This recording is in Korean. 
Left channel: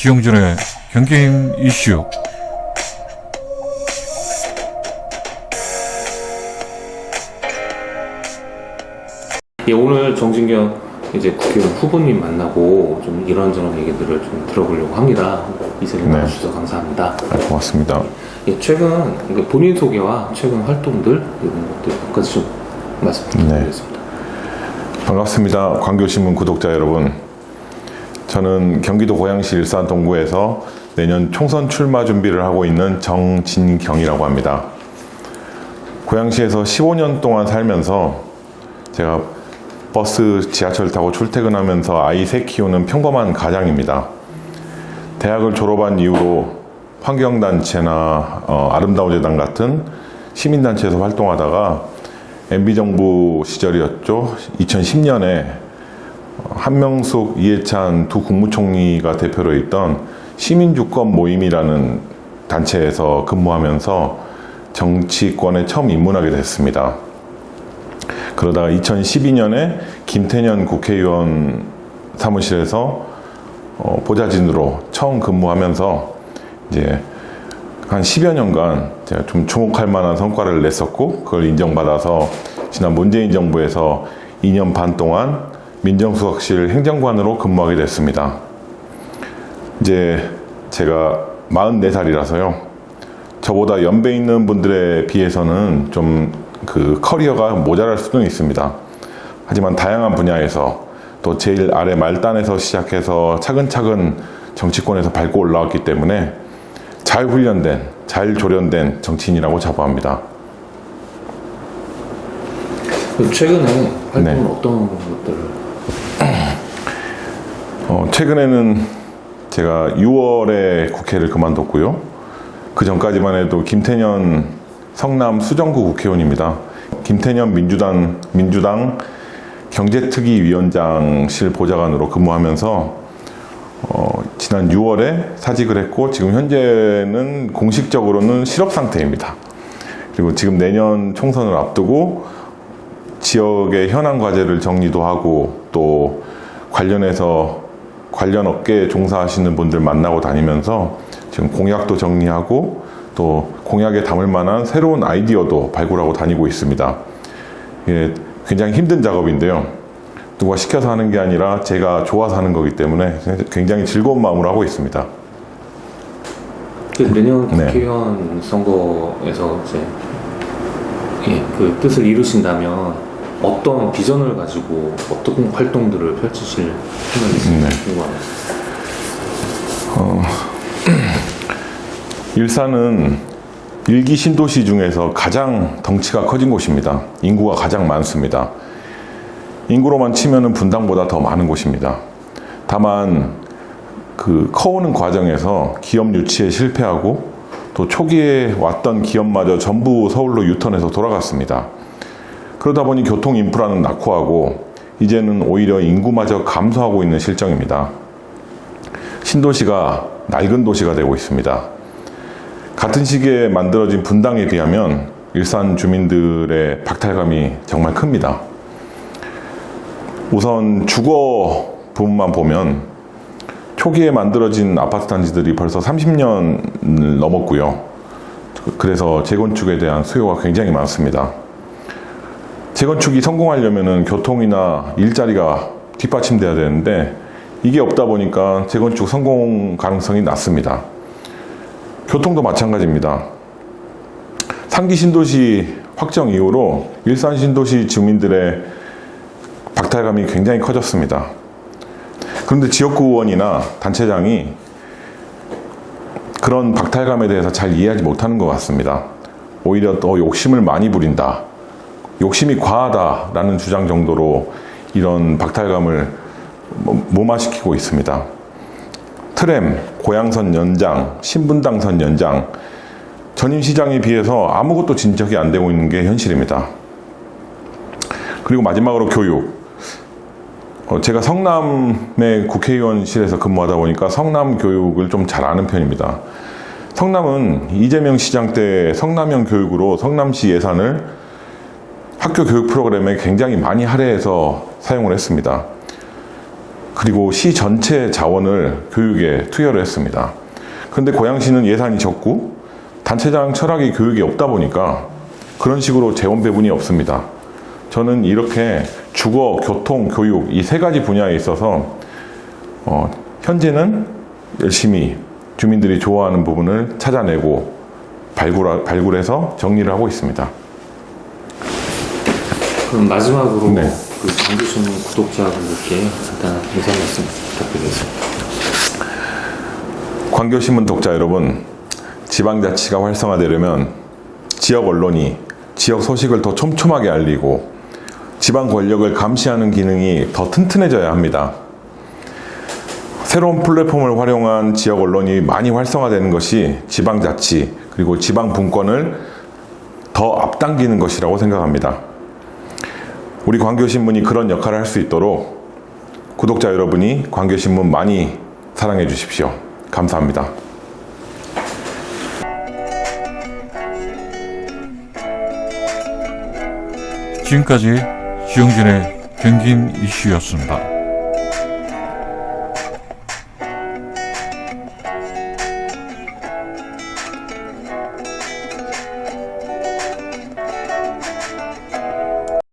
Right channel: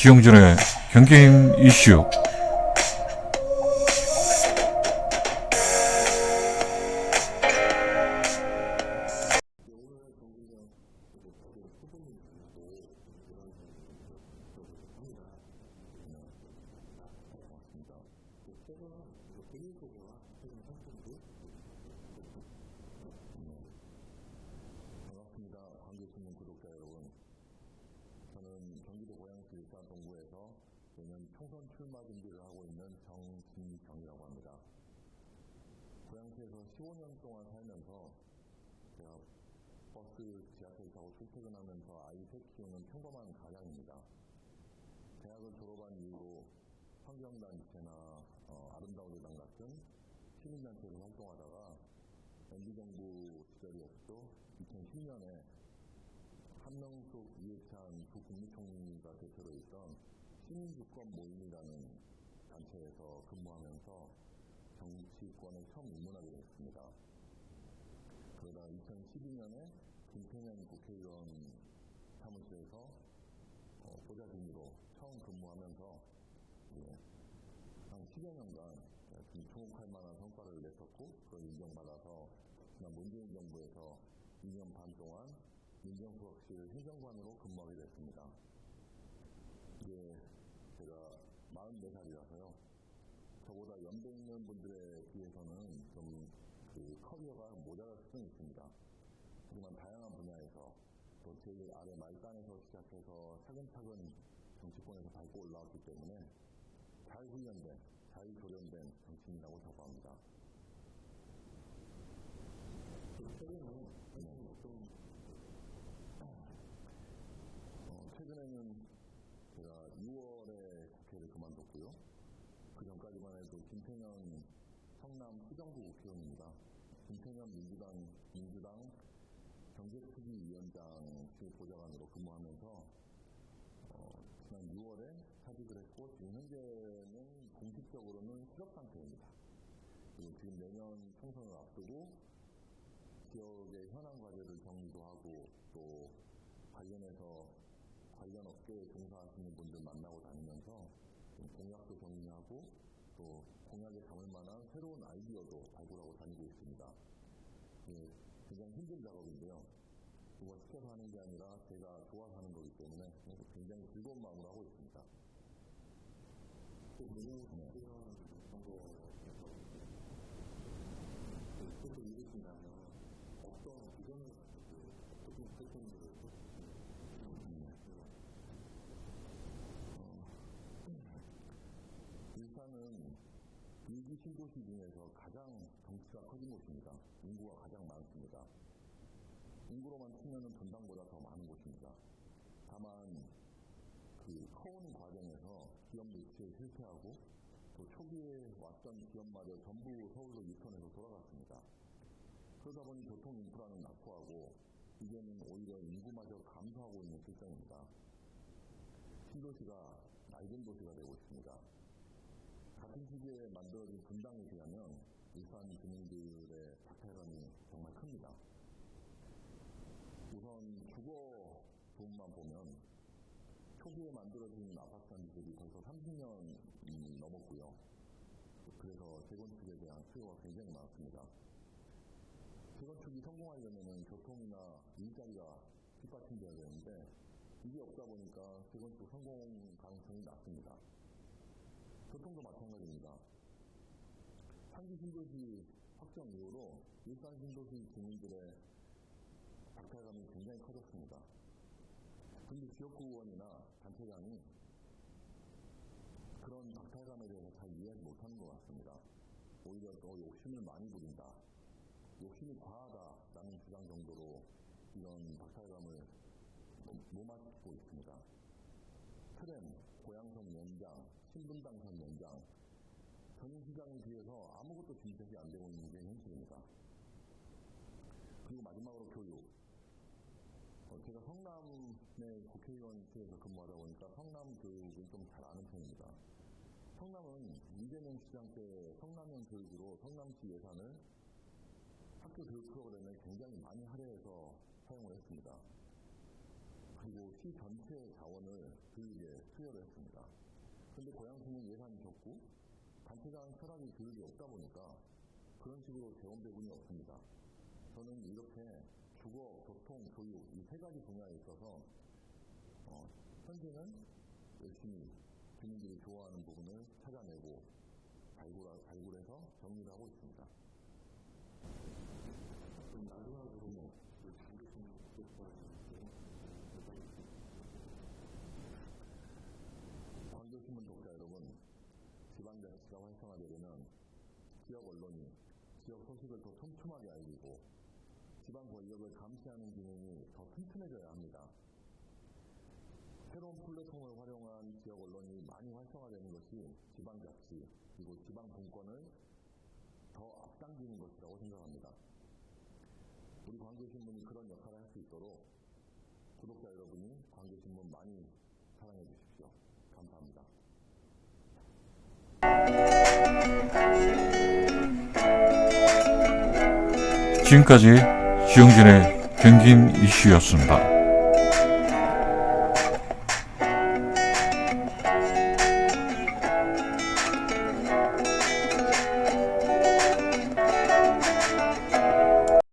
지용준의 경게임 이슈. 예, 오늘 정진경 이제 국회의원 후보님 만나고 좀 이런저런 얘기들을 좀 들어보려고 합니다. 이 자리에 나와주셔서 감사합니다. 고맙습니다. 예, 최근 본인 소개와 최근 활동들 이런 것들 몇 가지 좀 말씀 부탁드리겠습니다. 반갑습니다. 광교신문 구독자 여러분. 저는 경기도 고양시 일산 동구에서 내년 총선 출마 준비를 하고 있는 정진경이라고 합니다. 고양시에서 15년 동안 살면서 제가 버스, 지하철 타고 출퇴근하면서 아이 셋 키우는 평범한 가장입니다. 대학을 졸업한 이후로 환경단체나 아름다운 재단 같은 시민단체에서 활동하다가 MB정부 시절이었죠. 2010년에 한명숙, 이해찬 두 국무총리가 대표로 있던 시민주권 모임이라는 단체에서 근무하면서 정치권에 처음 입문하게 됐습니다. 그러다가 2012년에 김태년 국회의원 사무실에서 보좌진으로 처음 근무하면서 이제 한 10여 년간 제가 좀 주목할 만한 성과를 냈었고, 그걸 인정받아서 지난 문재인 정부에서 2년 반 동안 민정수석실 행정관으로 근무하게 됐습니다. 이제 제가 44살이라서요. 저보다 연배 있는 분들에 비해서는 좀 그 커리어가 모자랄 수도 있습니다. 하지만 다양한 분야에서 또 제일 아래 말단에서 시작해서 차근차근 정치권에서 밟고 올라왔기 때문에 잘 훈련된, 잘 조련된 정치인이라고 자부합니다. 최근에 활동은 어떤 것들을? 최근에는 제가 6월에 국회를 그만뒀고요. 그 전까지만 해도 김태년 성남 수정구 국회의원입니다. 김태년 민주당 경제특위위원장실 보좌관으로 근무하면서 지난 6월에 사직을 했고, 지금 현재는 공식적으로는 실업 상태입니다. 그리고 지금 내년 총선을 앞두고 지역의 현안 과제를 정리도 하고, 또 관련해서 관련 업계에 종사하시는 분들 만나고 다니면서 지금 공약도 정리하고 또 공약에 담을 만한 새로운 아이디어도 발굴하고 다니고 있습니다. 이게 굉장히 힘든 작업인데요. 누가 시켜서 하는 게 아니라 제가 좋아서 하는 거기 때문에 굉장히 즐거운 마음으로 하고 있습니다. 내년 국회의원 선거에서 이제 그 뜻을 이루신다면 어떤 비전을 가지고 어떤 활동들을 펼치실 생각이신지 궁금합니다. 일산은 일기 신도시 중에서 가장 덩치가 커진 곳입니다. 인구가 가장 많습니다. 인구로만 치면은 분당보다 더 많은 곳입니다. 다만 그 커오는 과정에서 기업 유치에 실패하고 또 초기에 왔던 기업마저 전부 서울로 유턴해서 돌아갔습니다. 그러다 보니 교통 인프라는 낙후하고 이제는 오히려 인구마저 감소하고 있는 실정입니다. 신도시가 낡은 도시가 되고 있습니다. 같은 시기에 만들어진 분당에 비하면 일산 주민들의 박탈감이 정말 큽니다. 우선 주거 부분만 보면 초기에 만들어진 아파트 단지들이 벌써 30년 넘었고요. 그래서 재건축에 대한 수요가 굉장히 많습니다. 재건축이 성공하려면 교통이나 일자리가 뒷받침돼야 되는데 이게 없다 보니까 재건축 성공 가능성이 낮습니다. 교통도 마찬가지입니다. 상기 신도시 확정 이후로 일산 신도시 주민들의 박탈감이 굉장히 커졌습니다. 그런데 지역구 의원이나 단체장이 그런 박탈감에 대해서 잘 이해하지 못하는 것 같습니다. 오히려 더 욕심을 많이 부린다, 욕심이 과하다라는 주장 정도로 이런 박탈감을 무마시키고 있습니다. 트램, 고양선 연장, 신분당선 연장, 전임시장에 비해서 아무것도 진척이 안 되고 있는 게 현실입니다. 그리고 마지막으로 교육. 제가 성남의 국회의원실에서 근무하다 보니까 성남 교육을 좀 잘 아는 편입니다. 성남은 이재명 시장 때 성남형 교육으로 성남시 예산을 학교 교육 프로그램에 굉장히 많이 할애해서 사용을 했습니다. 그리고 시 전체 자원을 교육에 투여를 했습니다. 그런데 고양시는 예산이 적고 단체장 철학이 교육에 없다 보니까 그런 식으로 재원 배분이 없습니다. 저는 이렇게 주거, 교통, 교육 이 세 가지 분야에 있어서 현재는 열심히 주민들이 좋아하는 부분을 찾아내고 발굴해서 정리를 하고 있습니다. 그럼 마지막으로 네. 그 광교신문 구독자분들께 간단한 인사 말씀 부탁드리겠습니다. 광교신문 독자 여러분, 지방자치가 활성화되려면 지역 언론이 지역 소식을 더 촘촘하게 알리고 지방 권력을 감시하는 기능이 더 튼튼해져야 합니다. 새로운 플랫폼을 활용한 지역 언론이 많이 활성화되는 것이 지방자치 그리고 지방 분권을 더 앞당기는 것이라고 생각합니다. 우리 광교신문이 그런 역할을 할 수 있도록 구독자 여러분이 광교신문 많이 사랑해 주십시오. 감사합니다. 지금까지 지용진의 경긴 이슈였습니다.